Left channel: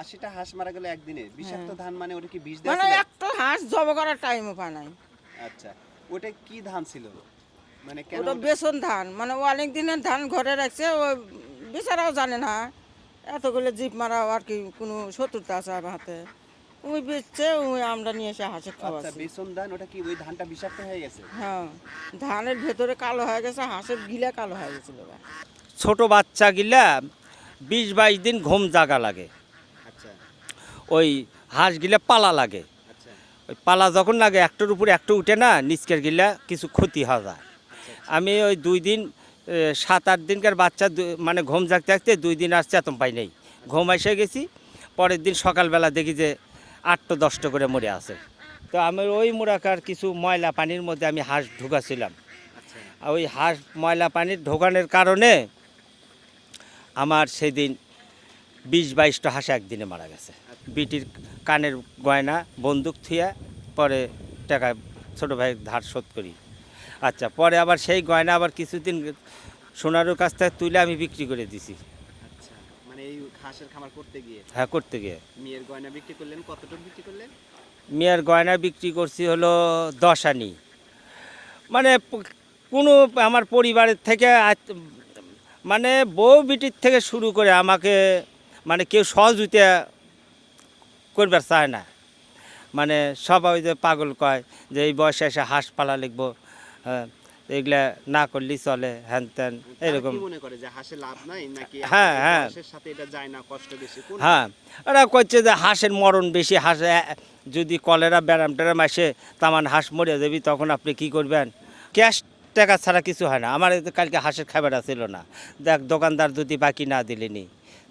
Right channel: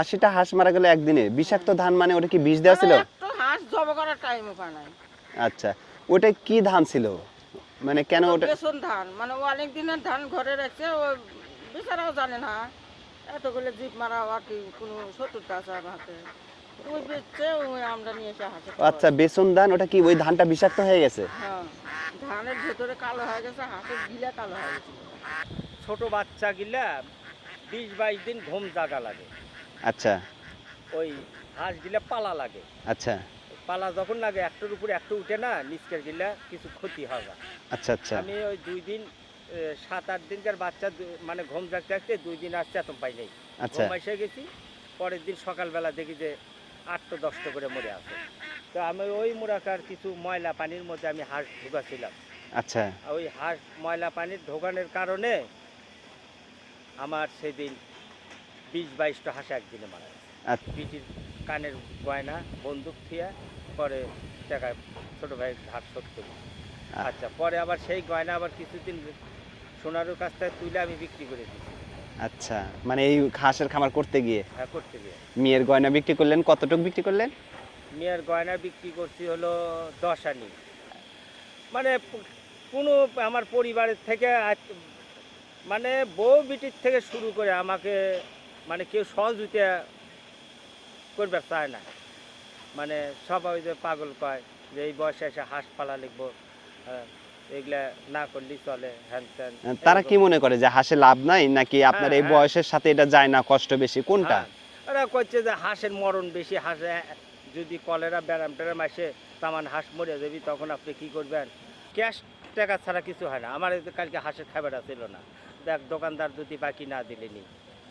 আশিটা হাঁস মারা গেল একদিনে। বিষাক্ত ধান মানে ওটা কি বিষ দেওয়া ছিল? মানে একটু হাঁস জব করার টাইমও পায় নাই। আচ্ছা ওটা কি ধান ছিল? মানে কেন ওটা বেসন ধান। মানে ও অনেক দিনের ধান ঘরে রাখছে ও বেচারাও জানে না। এতগুলো জিপ মারা আর কি কোনো শত্রুতা আছে আমার হাতে। ওই বেচছে ওই আমরা নিয়ে এসে হাসে আচ্ছা বেসন ধান ওটা কি ওই ধানটা বিষাক্ত হয়ে গেছে? হ্যাঁ ধানের ভেতরে কালো হয়ে গেছে হাঁসের গিলা কালো হয়ে গেছিল। ছোট বাচ্চা গিলা বিশ বাইশ দিন ঘুম জাগা লাগে। আচ্ছা। ওই হাঁস গিলা পালা লাগে। আচ্ছা। ওই পালা যখন লাগে একটার উপরে একটা উঠে না নিচকের গিলা কিছু ক্ষতি হয় যায়। আচ্ছা আচ্ছা। আমি ওই দুই দিন সাত আট দিনকার বাচ্চা মানে ঘুম জাগতে জাগতে দুই দিন আর চেতন পাই নেই। আচ্ছা। ঘুম এসে গেছি পরের দিন সকালবেলা দেখি যে আটটা দশটা করে মরে আছে। তো আমার ওই মুরাকার কিছু ময়লা পানির মধ্যে আমি হাঁস ঢুকাছিলাম। আচ্ছা। ওই হাঁস ময়লা পানির ঢোকানোর কারণে আমার সেদিন বিশ বাইশটা হাঁস একদিনে মারা গেছে। আচ্ছা। বিটির কানের গয়না বন্দুক থুয়া পরে টাকা ছোট ভাই ধার শোধ করি। আচ্ছা। পরে আবার সেই গয়না আবার কিছুদিন সোনারুর কাছ থেকে তুলে আমি বিক্রি করে দিছি। আচ্ছা মানে এই হাঁসের খামার করতে গিয়ে? হ্যাঁ করতে গিয়ে। মেয়ের গয়না বিক্রি করলেন কতটুকু বিক্রি করলেন? মেয়ের গয়না বিক্রি করছি হলো দশ আনি মানে কোনো আমার পরিবারের থেকে মানে বউ বিটির থেকে শুরু করে আমাকে মানে কেউ সহযোগিতা করবার চায় না। মানে সবাই যে পাগল কয় যে এই বয়সে এসে হাঁস পালা লিখব হ্যাঁ এগুলা না করলেই চলে হ্যান ত্যান তারা কি মনে করে যে হাঁসে লাভ নাই নাকি আপনার এই হ্যাঁ। বয়সের সাথে এটা যায় না কষ্ট বেশি কোনটা? হ্যাঁ ওরা কচ্ছে যে হাঁসের মরণ বেশি হাঁস যদি কলেরা ব্যারাম ট্যারাম আসে তামান হাঁস মরে যাবি তখন আপনি কি করবেন? ক্যাশ টাকা ছাড়া কিছু হয় না আমার কালকে হাঁসের খাবার ছিল না দেখ দোকানদার যদি বাকি না দিলেনি।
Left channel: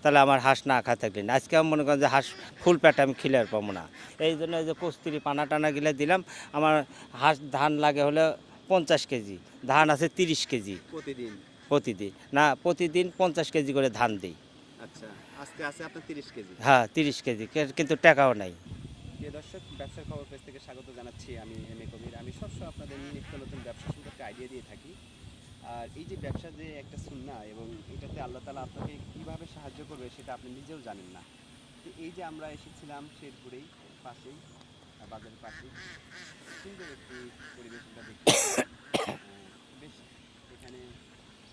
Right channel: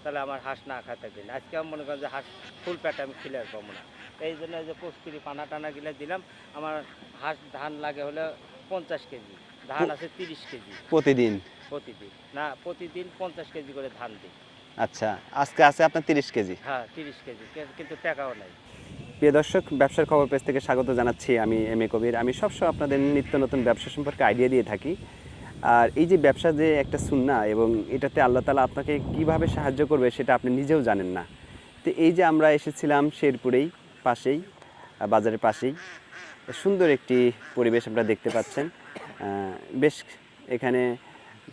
তাহলে আমার হাঁস না খা থাকলেন আজকে আমি মনে করেন যে হাঁস ফুল প্যাট আমি খিলে আর পাবো না। এই জন্য যে কস্তুরি পানা টানা গিলে দিলাম। আমার হাঁস ধান লাগে হলে পঞ্চাশ কেজি ধান আছে তিরিশ কেজি। প্রতিদিন? প্রতিদিন। না প্রতিদিন পঞ্চাশ কেজি করে ধান দিই। আচ্ছা আজকে আছে আপনার তিরিশ কেজি? হ্যাঁ তিরিশ কেজি কিন্তু টাকাও নাই। প্রিয় দর্শক ব্যবসার খবর পেজ থেকে স্বাগত জানাচ্ছি আমি এম এ কবির। আমি সবসময় আপনাদের নিত্য নতুন ব্যবসা সম্পর্কে আইডিয়া দিয়ে থাকি। আর এই যে ব্যবসা যে একটা সুন্না এবং এটাতে আল্লাহ তালা আপনাকে কীভাবে সাহায্য করবে সেটা আপনি নিজেও জানেন না। তো এই যে আমরা এসেছিলাম শেরপুরেই পাশেই বাজারের পাশেই, সুন্দর একটি পরিবেশ আপনারা দেখতে পাচ্ছেন। বেশ এখানে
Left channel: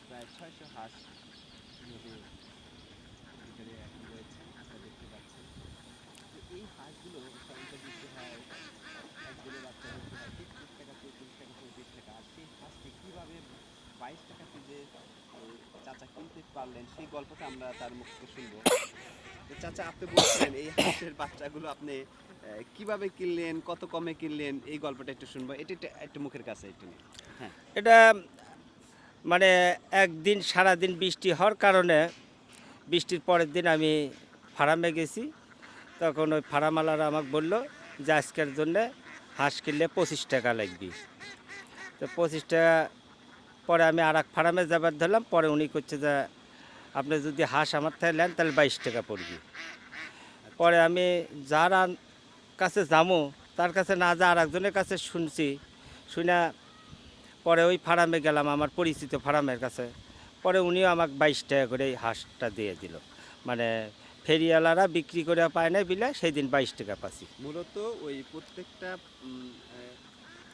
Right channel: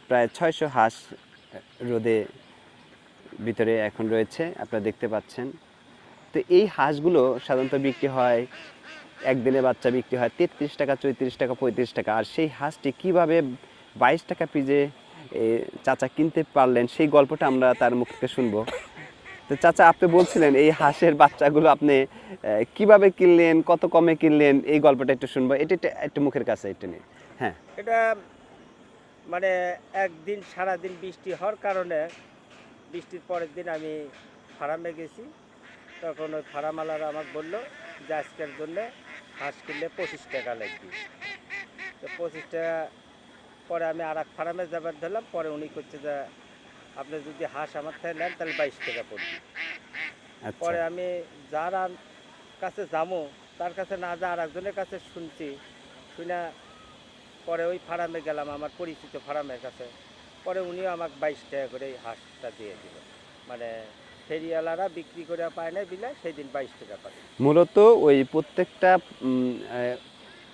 প্রায় ছয়শো হাঁস রোদে ভিতরে এখন রয়েছে, আপনারা দেখতে পাচ্ছেন। তো এই হাঁসগুলো সাধারণত বিক্রি হয়, একদিনে বাচ্চা বিক্রি হয় তেত্রিশ টাকা, চৌত্রিশ টাকা, পঁয়ত্রিশ টাকা। আর সেই হাঁসটি কীভাবে বাইশ টাকা পিজে চাচা কিনতে পারলেন, সেই গল্পটা আমরা তার মুখ থেকে শুনব। তো চাচা, আপনি বলছিলেন এই হাঁসের বাচ্চাগুলো আপনি কীভাবে কিনলেন, কত কমে কিনলেন, এই গল্পটা একটু শুনব। এটা একটু- মুখের কাছে একটু নিন হ্যাঁ। এটা মানে একদিন, সারাদিন বৃষ্টি হওয়ার কারণে বৃষ্টির পরের দিন আমি ফার্মে গেছি। তখন ওই ফার্মালারা আমাকে বলল যে আজকের জন্যে হাঁস কিনলে পঁচিশ টাকা লাগবে। তো পঁচিশ টাকা পরে আমি আর এক ফার্মে যাবার ধরলাম পরে উনি করছে যে আপনি যদি হাঁস আমার থেকে নেন তাহলে বাইশ টাকা পড়বে। আচ্ছা। পরে আমি যার কাছে যাব তার কাছে না যা আর একজনের কাছে শুনছি শুনে পরে ওই ফার্মে গেলাম আমার পরিচিত ফার্মের কাছে। পরে উনিও আমাকে বাইশ টাকা করে এই হাঁসটা দিয়ে দিল। মানে ফেরিওয়ালারা বিক্রি করে পায় না বিলে সেই দিন বাইশ টাকা পাচ্ছি। মূলত ওই প্রত্যেকটা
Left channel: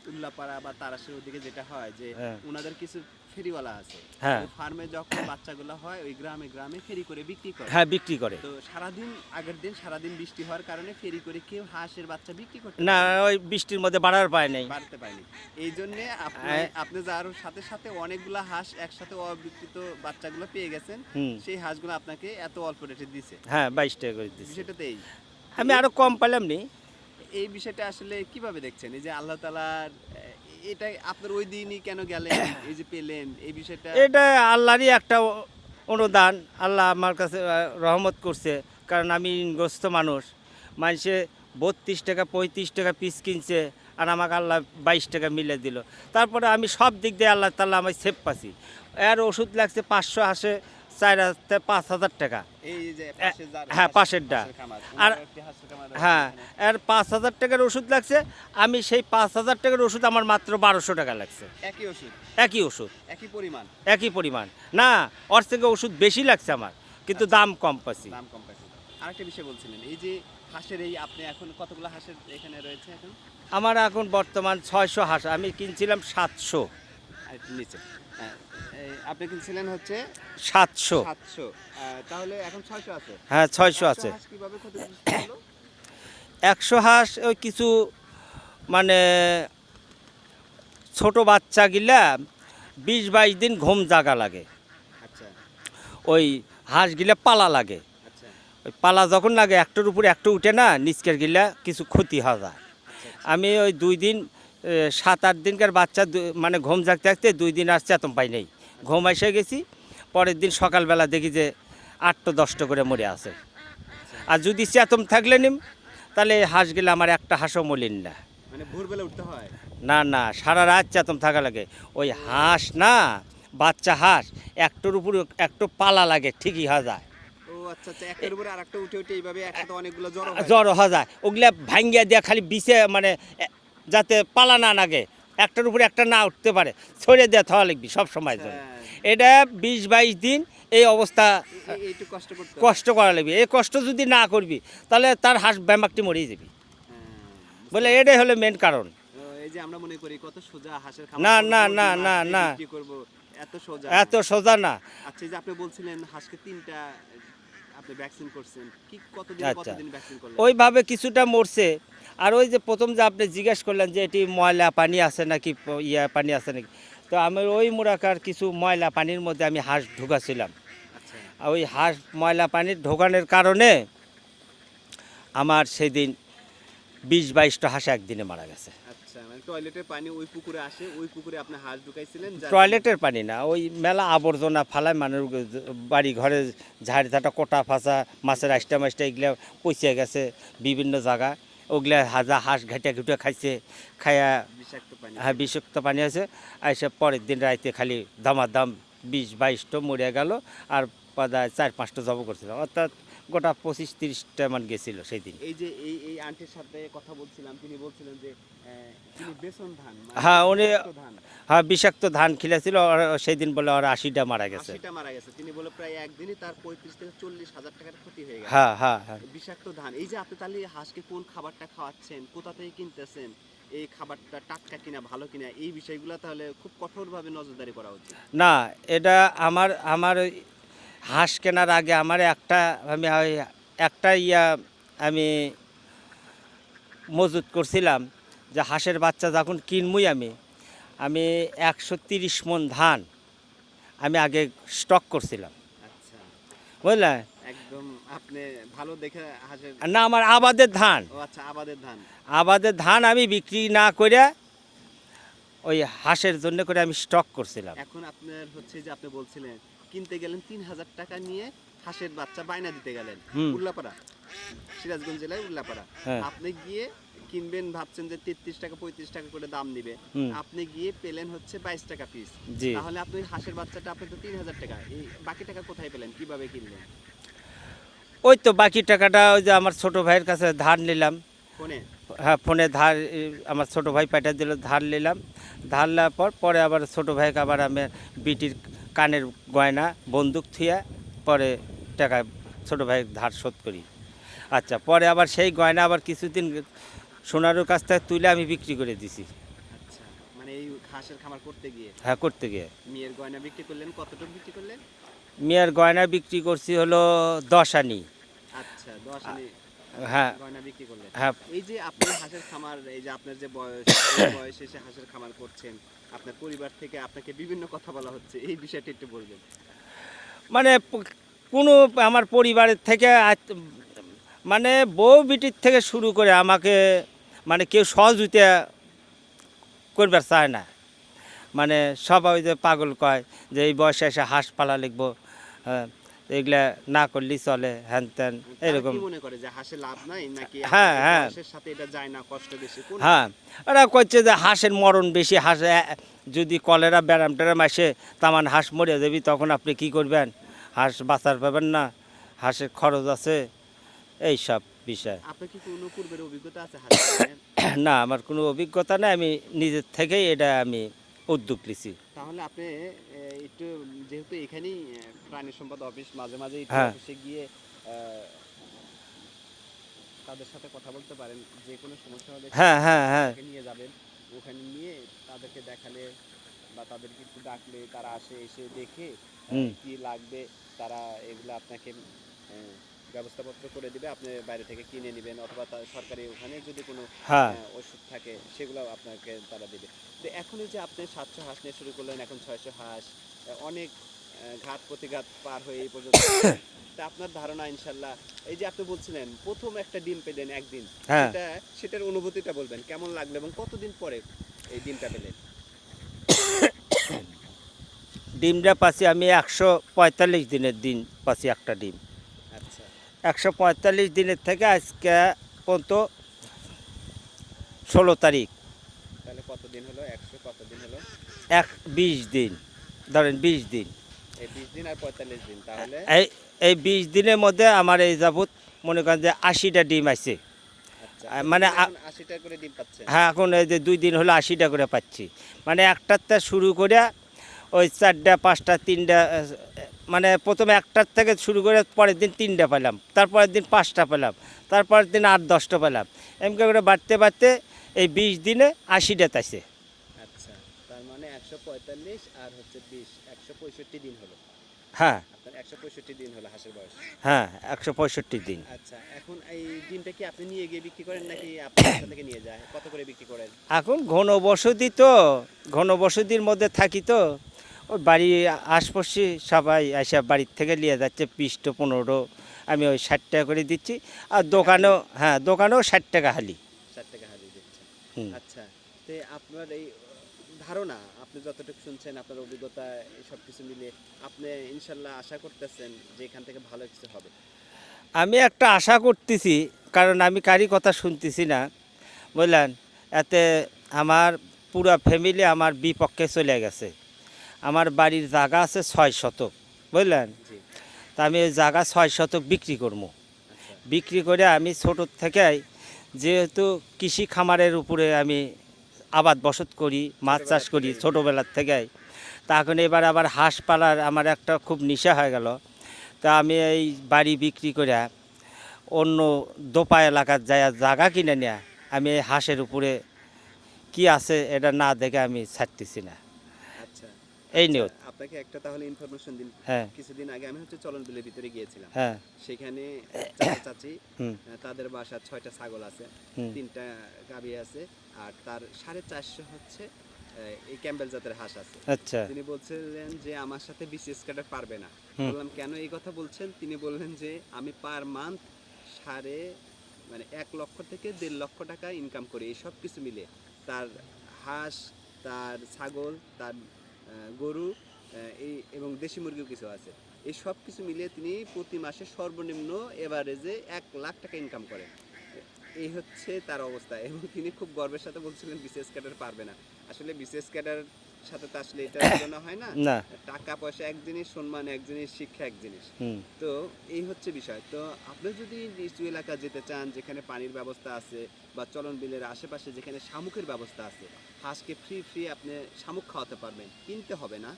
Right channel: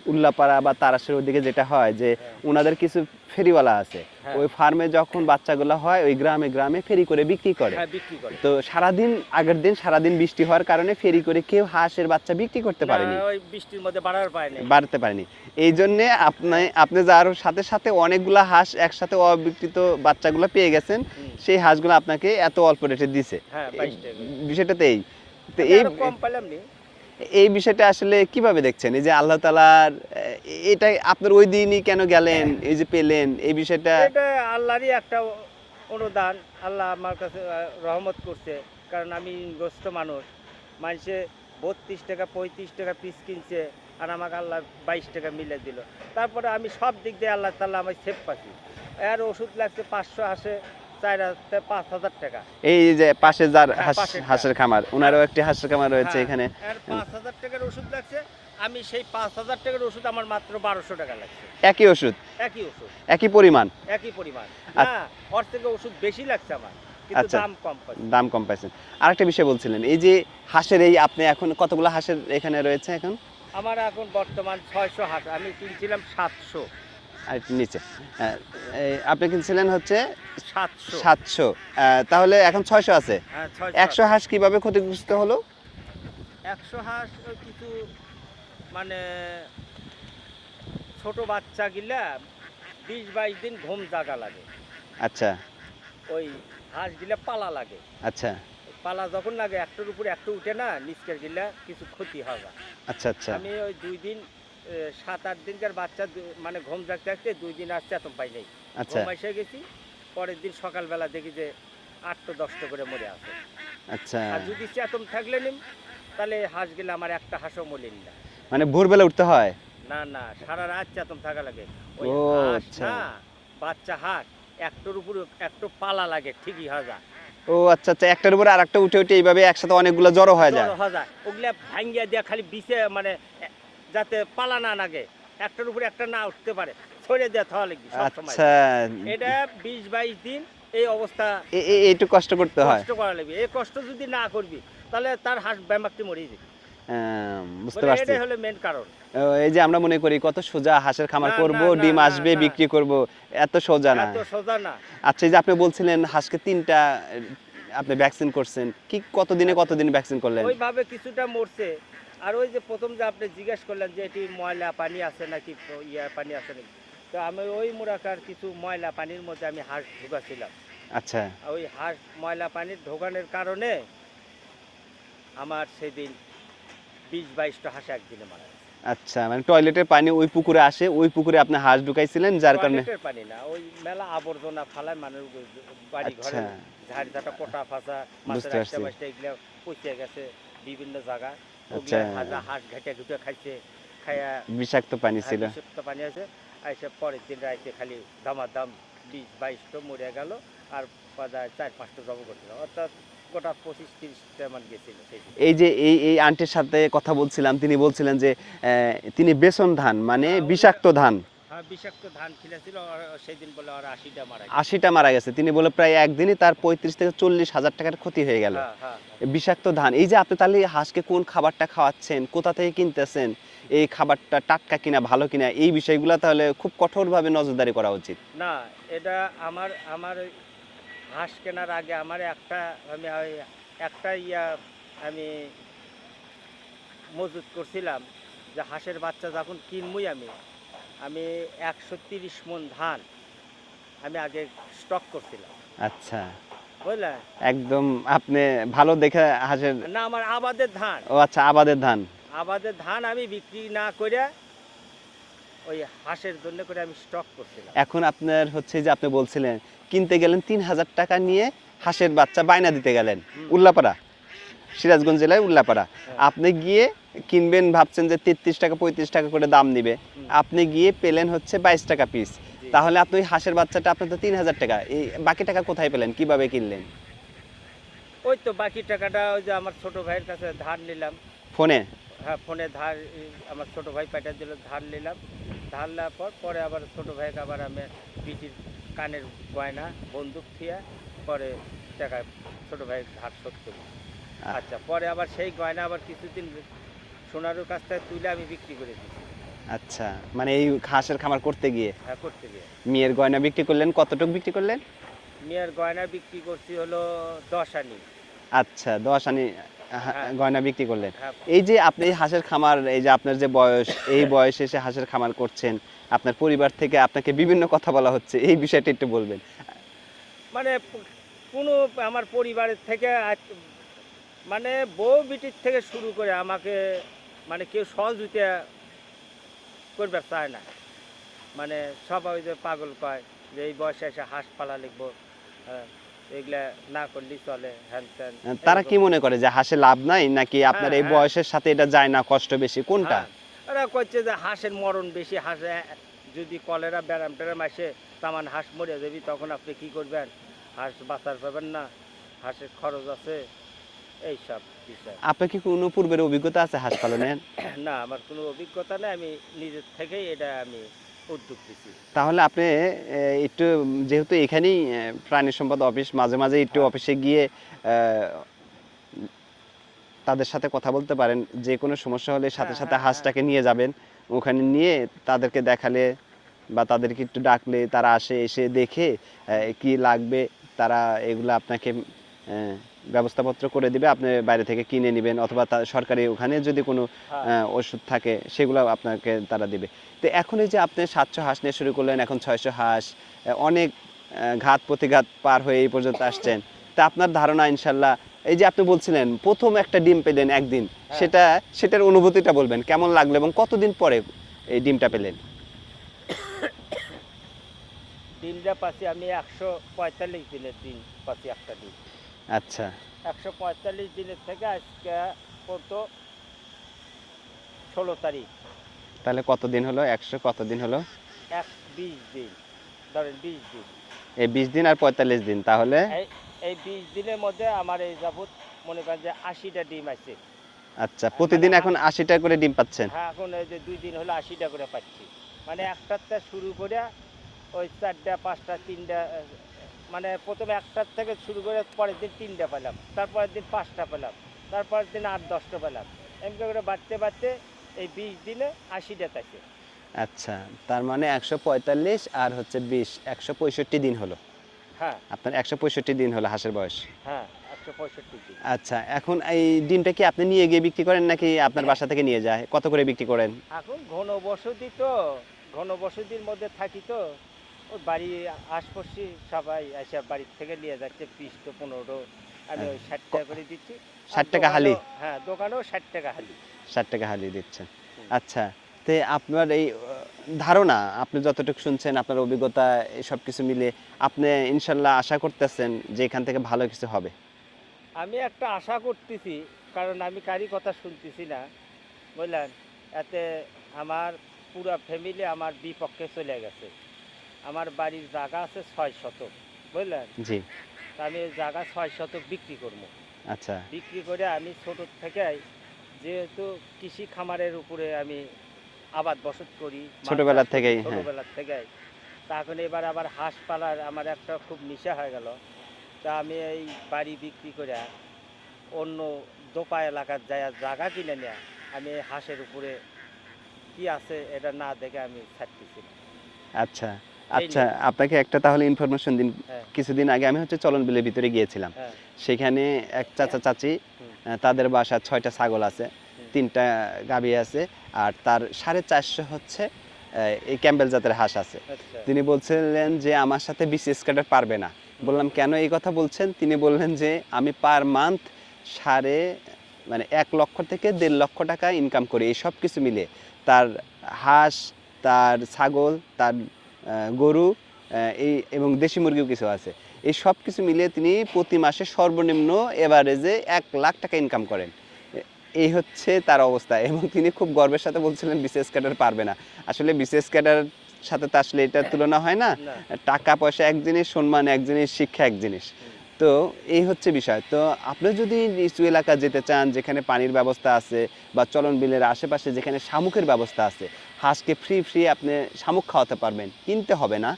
উল্লাপাড়া বা তারাশের ওদিকে যেটা হয় যে হ্যাঁ। ওনাদের কিছু ফেরিওয়ালা আছে হ্যাঁ। ওই ফার্মে যখন বাচ্চাগুলো হয় ওই গ্রামে গ্রামে ফেরি করে বিক্রি করে হ্যাঁ বিক্রি করে তো সারাদিন আগের দিন সারাদিন বৃষ্টি হওয়ার কারণে ফেরি করে কেউ হাঁসের বাচ্চা বিক্রি করতে না ওই বৃষ্টির মধ্যে বাড়ার পায় নাই বাড়তে পারেনি এই জন্য আপনি হ্যাঁ। আপনি যার সাথে সাথে অনেকগুলা হাঁস একসাথে অবিকৃত বাচ্চাগুলো পেয়ে গেছেন। সেই হাঁসগুলো আপনাকে এত অল্প রেটে দিছে হ্যাঁ বাইশ টাকা করে। বিষয়টাতে এই তো আমি এই- আরও কম পেলাম নি এই বিষয়টা আসলে কীভাবে দেখছেন? এই যে আল্লাহ তালার এটা আপনার ওই দিনই কেন গেলেন, এই যে পেলেন, এই বিষয়টা এটা আল্লাহরই একটা অনুদান। আল্লাহ আমার কাছে রহমত করছে। কারণ আমি গ্রস্ত মানুষ। মানুষে বত্রিশ টাকা, পঁয়ত্রিশ টাকা পিস কিনছে আর আমাকে আল্লাহ বাইশ টাকা মিলে দিল। তারপরে আমি সব দিক দিয়ে আল্লাহ তাল্লাহ আমি সেফ পাচ্ছি। এর ওষুধ লাগছে পাঁচশো হাজার পাঁচ হাজার টাকা। এই যে পাশে যার হ্যাঁ, হাঁস- পাশেরটা। হাঁসের খামার ওনারও একটি হাঁসের খামার রয়েছে হ্যাঁ, এখানে। এর পাঁচ হাজার টাকার ওষুধ লাগছে আমি সেই পাঁচ হাজার টাকার ওষুধ আমার মাত্র বারোশো টাকা লাগছে। একই ওষুধ? একই ওষুধ। একই পরিমাণ? একই পরিমাণ। না ওর থেকে ওষুধ বেশি লাগছে আমার কিন্তু আচ্ছা। দাম কম পাচ্ছি। দাম কম পাইছেন আরেকটা বিষয় বলছিলেন এই যে হাঁসের এই আপনি এখন কতগুলো হাঁসের এখানে রয়েছে এখন? আমার এখন বর্তমান ছয়শো হাঁস আমি কিনছিলাম সাতশো। আর নিচে। আপনি কিনছিলেন হচ্ছে সাতশো। সাতশো। তাহলে এখন ছয়শো আছে? হ্যাঁ ছয়শো একশো হাঁস কীভাবে ক্ষতিগ্রস্ত হলো? একশো হাঁস ওই কিছু মানে ছোট বাচ্চা গিলা বিশ বাইশ দিন ঘুম জাগা লাগে। আচ্ছা। ওই হাঁসগুলা পালা লাগে। আচ্ছা। পালা যখন লাগে একটার উপরে একটা উঠে না নিচকের গিলা কিছু ক্ষতি হয় আচ্ছা আচ্ছা। আমি ওই দুই দিন সাত আট দিনকার বাচ্চা মানে ঘুম জাগতে থাকতে দুই দিন আসছে এত পাই নেই। আচ্ছা। ঘুম এসে গেছি পরের দিন সকালবেলা দেখি যে আটটা দশটা করে মরে আছে। আচ্ছা। আর যদি চেতম থাকলে নিম তাহলে হাঁস গেলে আমার একটা হাঁসও মলিন না। মানে ভোরবেলা উঠতে হয়? না না সারা রাত চেতন থাকা লাগে। ওই হাঁস আচ্ছা। না বাচ্চা হাঁস একটোর উপরে একটু পালা লাগে ঠিকই হাজা ও আচ্ছা আচ্ছা একটার উপরে আর একটা উঠে উঠে এইভাবে একসাথে অনেকগুলো জড়ো হয় জড়ো হাজা ওগুলা ভাঙ্গিয়া দিয়া খালি বিছে মানে যাতে পালা না লাগে। একটার উপরে একটা না উঠতে পারে। ছড়ে দেওয়া থাওয়া লাগবি সব সময়। আচ্ছা। এটা বিশ বাইশ দিন এই অবস্থা এ- এ- কষ্ট করতে কষ্ট করা লাগবে। এই কষ্ট যদি না করবি তাহলে তার হাঁস ব্যামাকটি মরিয়ে যাবি। হ্যাঁ, বলে এটাই হলো মেন কারণ। এই যে আমরা মনে করি কত সোজা হাঁসের খামার করব ডিম আসবে বিক্রি করব এত সোজা এত সোজা না। আচ্ছা এই যে আপনি বলছিলেন হাঁসকে তিনটা আপনি ভ্যাকসিন করছেন। কি কতদিনে আচ্ছা। কতদিন ভ্যাকসিন করলেন? ওইভাবে কিছুটা মরছে। আর ওই যে প্রথম যে আপনি জিজ্ঞেস করলেন যে এটি ময়লা পানি আছে নাকি ইয়া পানি আছে নাকি? তো আমার ওই মুরাকার কিছু ময়লা পানির মধ্যে আমি হাঁস ঢুকাছিলাম। আচ্ছা। ওই হাঁস ময়লা পানি ঢোকানোর কারণে আমার সেদিন বিশ বাইশটা হাঁস একদিনে মারা গেছে। আচ্ছা মানে টয়লেটের পানি ওই পুকুরে আসে ওই পুকুরে আপনি হাঁস ঢুকাইছিলেন টয়লেটের পানি না ওই মেলা আবর্জনা ফালায় মানুষ বাড়ি ঘরে আচ্ছা। ঝাড়ি ঝাঁটা কোটা ফাঁসা মাছের আষ্টা মাছটা এগুলো পচে গেছে বিভিন্ন জায়গা ওগুলা আচ্ছা। হাজা হাঁস ঘাটে ঘুটে খাইছে খাইয়া বিষাক্ত পানি হ্যাঁ বিষাক্ত পানি আছে। আইসে পরের দিন রাইতে খালি দামাদাম বিশ বাইশটা মরে গেল আর পদায় চার পাঁচটা জব করছিল। অর্থাৎ গোটা পঁচিশ তিরিশটা মান গেছিল সেই দিন এই যে এই এই আন্টির সাথে কথা বলছিলাম তিনি বলছিলেন যে তিনি বেসন ধান মানে হ্যাঁ, বিষাক্ত ধান। হ্যাঁ বিষাক্ত ধান খিলেছিল সেই দিন বলে ওর আশিটা মারা গেছে। আশিটা মারা গেছে। তিনি বলে প্রায় একদিনই তার পঁয়ত্রিশ থেকে চল্লিশ হাজার টাকার ক্ষতি হয়ে গেল। হ্যাঁ হ্যাঁ হ্যাঁ। বিষাক্ত ধান। এই যে আপনি তাহলে হাঁসকে কোন খাবারটা খাওয়াচ্ছেন কোথা থেকে কিনতেছেন এই খাবারটা টাটকা কিনা ভালো কিনা এই বিষয়গুলো তাহলে খুব কঠোরভাবে নজরদারি করা উচিত। না এটা আমার আমার ওই হাঁস কেনার আগে আমার একটা আমি একটা ইয়া আমি মজুত করছিলাম যে হাঁসের বাচ্চা যখন কিনবই আমি আমি একশো তিরিশ মন ধান আমি আগে স্টক করছিলাম। আচ্ছা। বুঝলে? একদম আপনি ভালো দেখে হাঁসের না আমার আবাদের ধান। ও আচ্ছা আবাদের ধান। আবাদের ধান আমি বিক্রি না করে ওই হাঁসের জন্য করে আমি স্টক করছিলাম। এখন আপনার হচ্ছে যে আপনি বলছিলেন কিনতে গেলেন তিন হাজার টাকা নিয়ে হাঁসের বাচ্চা বায়না দিতে গেলেন। উল্লাপাড়া। সিরাজগঞ্জ জেলায় উল্লাপাড়া। হ্যাঁ। আপনি গিয়ে কিনবেন ভাবছেন যে তেত্রিশ টাকা পঁয়ত্রিশ টাকা করে দাম নিবে আপনি গিয়ে পেলেন হচ্ছে বাইশ টাকা পিস তাহলে আপনি হাঁসের বাচ্চাটা আপনার তো তিন হাজার টাকা। এই বাকি টাকা কোথায় পেলেন? কীভাবে কিনলেন? ওই তো বাকি টাকাটা ওই যে আমার ছোট ভাইয়ের কাছে ধার নিলাম। ফোনে? হ্যাঁ ফোনে ধার আমার ছোট ভাই পাঠিয়ে দিল ধার নিলাম। ধার নেওয়ার পর পরে আবার ছোট ভাইকে আবার আমি বিটির কানের গয়না বন্দুক থুয়া পরে টাকা ছোট ভাই ধার শোধ করি। আচ্ছা পরে আবার সেই গয়না আবার কিছুদিন সোনারুর কাছ থেকে তুলে আমি বিক্রি করে দিছি। আচ্ছা মানে এই হাঁসের খামার করতে গিয়ে? হ্যাঁ করতে গিয়ে। মেয়ের গয়না বিক্রি করলেন কতটুকু বিক্রি করলেন? মেয়ের গয়না বিক্রি করছি হলো দশ আনি। আচ্ছা দশ আনি হ্যাঁ। গয়না বিক্রি করলেন। হ্যাঁ। এই যে আপনি হাঁসের খামার এই যে আপনার যে বয়স এই বয়সে এসে হাঁসের খামার করছেন আপনার পরিবার থেকে আপনাকে বিভিন্ন কথা বলা হচ্ছে এই বিষয়টা একটু বলবেন। মানে কোনো আমার পরিবারের থেকে মানে বউ বিটির থেকে শুরু করে আমাকে মানে কেউ সহযোগিতা করবার চায় না। মানে সবাই যে পাগল কয় যে এই বয়সে এসে হাঁস পালা লিখব হ্যাঁ, এগুলা না করলেই চলে হ্যান ত্যান তারা কি মনে করে যে হাঁসে লাভ নাই নাকি আপনার এই হ্যাঁ। বয়সের সাথে এটা যায় না কষ্ট বেশি কোন হ্যাঁ ওরা কচ্ছে যে হাঁসের মরণ বেশি হাঁস যদি কলেরা ব্যারাম ট্যারাম আসে তামান হাঁস মরে যাবি তখন আপনি কি করবেন? হাঁস বাঁচার পাবেন না হাঁসের খরচ আছে এই সব বিষয়। আপনার কি কোনো পূর্বের অভিজ্ঞতা আছে হাঁস পালনের না আমার কোনো অভিজ্ঞতা নেই। আমি নিজের থেকেই এটা আমি উদ্যোগ নিছি। তাহলে আপনি একটু যেহেতু এখানেই প্রাণী সম্পদ অফিস মাঝে মাঝে একটু হ্যাঁ। অফিসে গিয়ে তাদের সাথে কথা বলতে পারেন। যে কোনো সমস্যা হলে হ্যাঁ, হ্যাঁ, হাঁসটাকে নিয়ে যাবেন। ওখানে নিয়ে তাদেরকে দেখালে বা তাদেরকে একটু ডাকলে তারা আসে এসে দেখে কি লাগবে তারা এগুলো আপনাকে ব্যবস্থাপত্র করে দিবে আপনি বাইরে থেকে কিনে নেবেন অথবা সরকারি ওখানে যদি কোনো হ্যাঁ। ওষুধ থাকে সেগুলো আপনাকে তারা দিবে। তো এখন এই যে আপনি সাতশো হাঁস নিয়ে শুরু করলেন এখন ছয়শো হাঁস অনেক ঘাত প্রতিঘাত পার হয়ে এই পর্যন্ত আসছেন। তা আপনার ধারণা ইনশাল্লাহ এই যে আপনি বলছিলেন প্রথম একটা ডিম পেলেন একদিন হ্যাঁ। সেটা সেটার অনুভূতিটা বলবেন কেমন লাগল এবং কতদিন পরে এই ডিমটা পেলেন? ডিমটা পাচ্ছি আমি একশো পঁয়তাল্লিশ দিনের দিন পাচ্ছি একটা ডিম। আচ্ছা। একশো পঁয়তাল্লিশ দিনের থেকে আজকে পর্যন্ত ষোলো তারিখ। তাহলে কতদিন হলো? একশো কতদিন হলো? এক বিশ দিন। ধরেন বিশ দিন। এই বিশ দিন আর পঁয়তাল্লিশ দিন তাহলে? এই এই বিশ দিনের মধ্যে আমার এই যাবৎ মনে করেন যে আশিটা ডিম আছে। আচ্ছা মানে প্রতিদিন এখন আশিটা করে ডিম পাচ্ছেন? হ্যাঁ এখন এই যে দুই দিন হলো আশিটা করে পাচ্ছি। মানে একটার শুরু করে ওই চারটা পাঁচটা তিনটা মানে প্রথমে একটার থেকে শুরু করে পরের দিন তিনটা পেলাম তারপরের দিন পাঁচটা পেলাম তারপরের দিন আট দশটা পেলাম। এমনি করে বাড়তে বাড়তে এই বিশ দিনে আশিটা আছে আচ্ছা তার মানে একশো পঁয়তাল্লিশ আর হচ্ছে বিশ একশো পঁয়ষট্টি দিন হলো। হ্যাঁ। আপনার একশো পঁয়ষট্টি দিন হলো হাঁসের বয়স। হ্যাঁ একশো পঁয়ষট্টি দিন। আচ্ছা এখন এই ডিমটা কি আপনি নিয়ে গিয়ে বিক্রি করেন নাকি আপনার বাসা থেকে নিয়ে যায়? কত করে বিক্রি করেন? এখন ঘন বসতি তো ঘন বসতির মধ্যে থাকি তো। ওই বাড়ি আশপাশে সবাই এসে বাড়ির থেকে নিয়ে যাচ্ছে পিসটো পনেরো আমি ওই ষাট টাকা করে দিচ্ছি। আর 60 দোকানেও হ্যাঁ দোকানেও ষাট টাকা হালি। ষাট টাকা হালি দিচ্ছেন আচ্ছা তে আপনার এই ধারণা আপনি যতটুকু শুনছেন আপনার অভিজ্ঞতা সব কিছু মিলে আপনি ইনশাল্লাহ আশা করতেছেন যে এখান থেকে ভালো কিছু হবে? আমি একটা আশা করতেছি কারণ আমি কারি কথা শুনতেছি না। বুঝলেন? এতে আমার পুরা ফ্যামিলি আমার বিপক্ষে চলে গেছে। আমার বাড়ির জায়গা আছে ছয় শতক বুঝলেন? জি। তা আমি ওই জায়গা ছয় শতক বিক্রি করব। আচ্ছা। বিক্রি করে আমি ছোট থেকেই যেহেতু কৃষি খামারের উপরে আমি আবাদ বসত করি মাছ চাষ করি হ্যাঁ। ছোটোবেলার থেকেই। তা এখন এবার আবার হাঁস পালার আমার একটা খুব নেশা হয়ে গেল। তা আমি এই বাড়ি বিক্রি করে অন্য দোপা এলাকার যায় জায়গা কিনে নেয়া আমি এই হাঁসের উপরে কি আছে এটা না দেখে আমি ছাড়তেছি না। আচ্ছা। আচ্ছা আপনাকে একটা তাহলে ইনফরমেশন দিন। হ্যাঁ। কিছুদিন আগে আমি হচ্ছে চলন বিলের ভিতরে গিয়েছিলাম। হ্যাঁ। সেখানে এক চাচা চাচি তাদের বাসা ছয়টা ছাগল আছে তিনটা গাভী আছে আর তার সাড়ে চারশো হচ্ছে এই ক্যাম্বেল জাতের হাঁস আছে। আচ্ছা। তিনি বলছিলেন যে আমার সাথে বিসিএস কার্ডার পারবে না। বললাম কেন এই কথা বলছেন? তিনি বললেন যে আমি পার মান্থ সাড়ে মানে এক লক্ষ থেকে দেড় লক্ষ টাকা ইনকাম করি। এই সব কিছু মিলে তার হাঁস তার ছাগল তার গরু এই এবং দেশি মুরগিও কিছু আছে। এই সব কিছু মিলিয়ে তিনি প্রতি মাসে সর্বনিম্ন এভারেজে এক লাখ টাকা ইনকাম করেন। এই হচ্ছে তার অবস্থা। এবং তিনি খুব গর্বের সাথে বলছিলেন বিশেষ ক্যাডার পারবে না। আসলে বিশেষ ক্যাডার সাথে তো আসলে এটার তুলনা হয় না। টাকা পয়সা এক জিনিস সম্মান এক জিনিস শিক্ষা এক জিনিস। তো এই হচ্ছে বিষয়। তো আপনি যদি নিচু এলাকা যেতে চান যেখানে পানির ব্যবস্থা আছে বা চলন বিলের আশেপাশে যেখানে শামুকের ব্যবস্থা আছে হাঁসকে ফ্রি ফ্রি আপনি শামুক খাওয়াতে পারবেন কিনতে হবে না।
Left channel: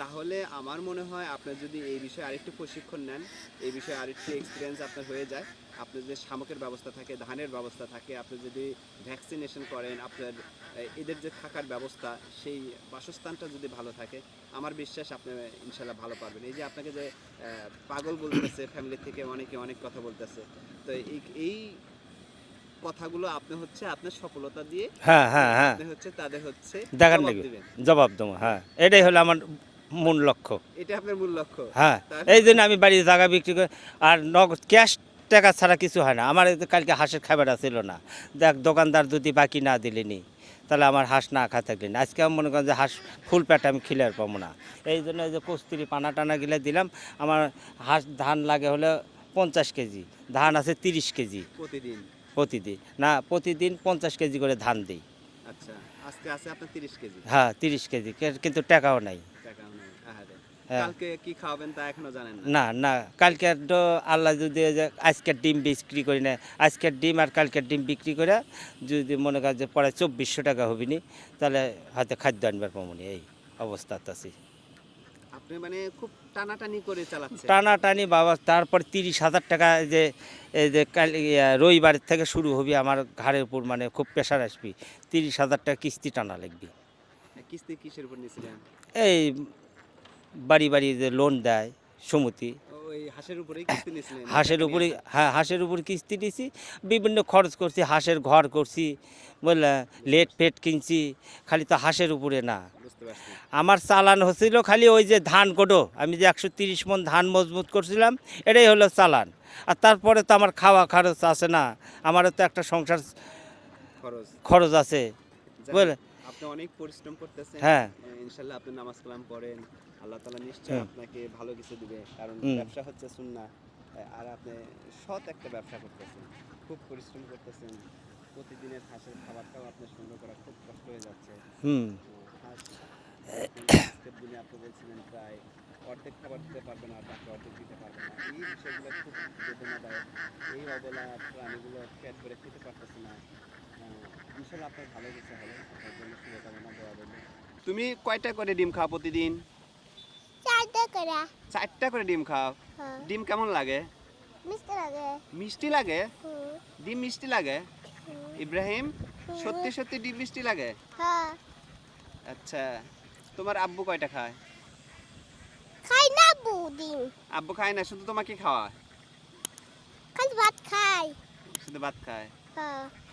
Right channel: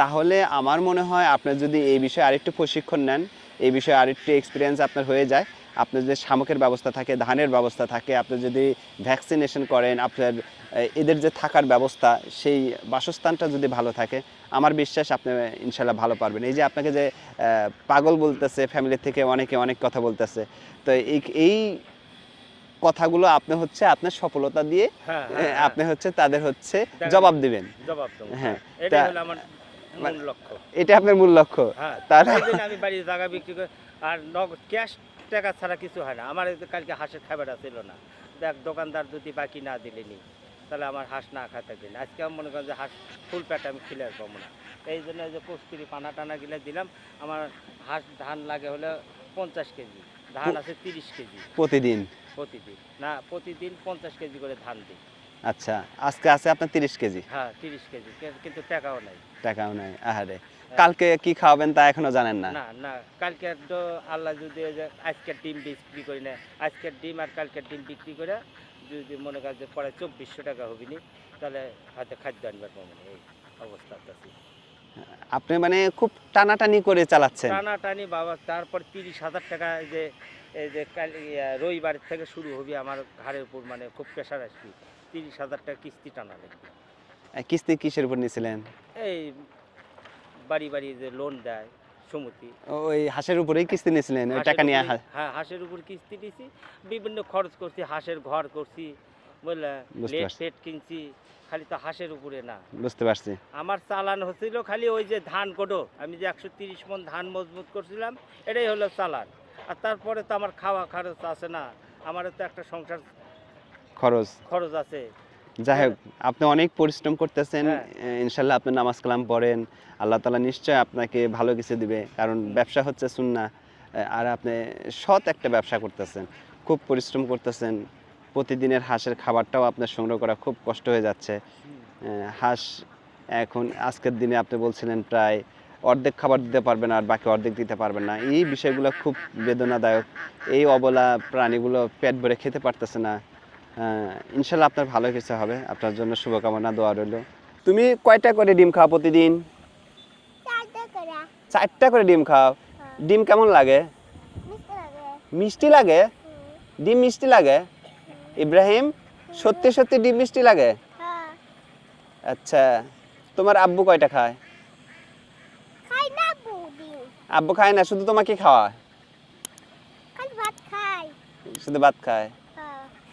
তাহলে আমার মনে হয় আপনার যদি এই বিষয়ে আরেকটু প্রশিক্ষণ নেন এই বিষয়ে আরেকটু এক্সপিরিয়েন্স আপনার হয়ে যায়। আপনার যদি শামুকের ব্যবস্থা থাকে ধানের ব্যবস্থা থাকে আপনি যদি ভ্যাকসিনেশন করেন আপনার এদের যে থাকার ব্যবস্থা সেই বাসস্থানটা যদি ভালো থাকে আমার বিশ্বাস আপনি ইনশাল্লাহ ভালো পারবেন। এই যে আপনাকে যে পাগল বলতেছে ফ্যামিলি থেকে অনেকে অনেক কথা বলতেছে তো এই কথাগুলো আপনি হচ্ছে আপনার সফলতা দিয়ে হ্যাঁ হ্যাঁ হ্যাঁ। আপনি হচ্ছে তাদের হচ্ছে জবাব। দিবেন। জবাব দেবো হ্যাঁ। হ্যাঁ। এটাই হলো আমার মূল লক্ষ্য। এটা আপনার মূল লক্ষ্য। হ্যাঁ। তার- এই জন্য আমি বাড়ির জায়গা বিক্রি করে আর নগদ ক্যাশ টাকা ছাড়া কিছু হয় না। আমার কালকে হাঁসের খাবার ছিল না। দেখ দোকানদার যদি বাকি না দিলেনি তাহলে আমার হাঁস না খা থাকলি না আজকে আমি মনে করেন যে হাঁস ফুল প্যাট আমি খিলার পাবো না। এই জন্য যে কস্তুরি পানা টানা গিলে দিলাম আমার হাঁস ধান লাগে হলে পঞ্চাশ কেজি ধান আছে তিরিশ কেজি। প্রতিদিন? প্রতিদিন। না প্রতিদিন পঞ্চাশ কেজি করে ধান দিই। আচ্ছা আজকে আছে আপনার তিরিশ কেজি? হ্যাঁ তিরিশ কেজি কিন্তু টাকাও নাই। টাকাও নাই আহারে। কালকে কি খাওয়াবেন তা এখনও জানেন না। না না কালকে তো আল্লাহ যদি আজকের ডিম বিক্রি করি না আজকের ডিম আর কালকের ডিম বিক্রি করে যদি মনে করেন যে পরে চব্বিশশো টাকা হবি নি তাহলে হয়তো খাদ্য আনবার পাবো নি, এই অবস্থাতে আছি। আপনি মানে খুব টানাটানি করে চালাচ্ছেন। টানাটানি বাবা তারপর তিরিশ হাজার টাকা যে এই যে কাল রবিবার থেকে শুরু হবি আমার ঘাড়ের উপর মানে খুব প্রেশার আসবি তিরিশ হাজার টাকা কিস্তি টানা লাগবে। কিস্তি কিসের উপর নিয়েছিলেন এই বাড়ি বাড়ি যে লোন দেয় সমিতি। ওই হাঁসের উপরেই কিস্তি নিয়েছিলেন হাঁসের উপরে হ্যাঁ হাঁসের উপর কিস্তি দিছি বিভিন্ন খরচ করছি হাঁসের ঘর করছি বুঝলে? লেট। পেট কিনছি খালি তো হাঁসের উপরে না। বুঝতে পারছি। আমার চালান হচ্ছিল খালি ওই যে ধান কোটো আমি যে একশো তিরিশ মন ধান মজবুত করছিলাম এটাই হলো চালান। আর তারপরে তো আমার খাওয়া খরচ আছে না আমারও তো একটা সংসার খরচ। খরচ আছে। যাই আপনি অনেক পরিশ্রম করতেছেন হ্যাঁ। ইনশাল্লাহ আপনি নামাজ কালাম পড়েন আল্লাহ তালা নিশ্চয় আপনাকে ভালো কিছু দিবে কারণ ব্যবসা হচ্ছে সুন্না আর আপনি সৎ একটা ব্যবসা করতেছেন খুব পরিশ্রম করতেছেন প্রতিদিনের হাঁসের খাবারটাও আপনার সংগ্রহ করা খুব কষ্ট হয়ে যাচ্ছে। হাঁস এখন আজকের দিনে আপনি বলছিলেন প্রায় অর্ধেক খাবার দিতে পারবেন আর বাকি অর্ধেক দিতে পারবেন না। এই বিষয়গুলো খুব বেদনাদায়ক। এই অবলা প্রাণীগুলো পেট ভরে খেতে পারতেছে না। ইনশাল্লাহ আপনার ভালো কিছু হবে। আপনার জন্য শুভকামনা দোয়া রইল। তুমি কয়টা করে ডিম খাও প্রতিদিন? চারটা করে। ডিম খাও? হ্যাঁ। ডিম কেমন লাগে? মিষ্টি লাগে। ডিম মিষ্টি লাগে? ইব্রাহিম সত্যি সত্যি ডিম মিষ্টি লাগে? হ্যাঁ। আচ্ছা তোমার আব্বু কয়টা খায়? আব্বু খায় না শুধু তোমাকে খাওয়ায়? শুধু ভাত খায়?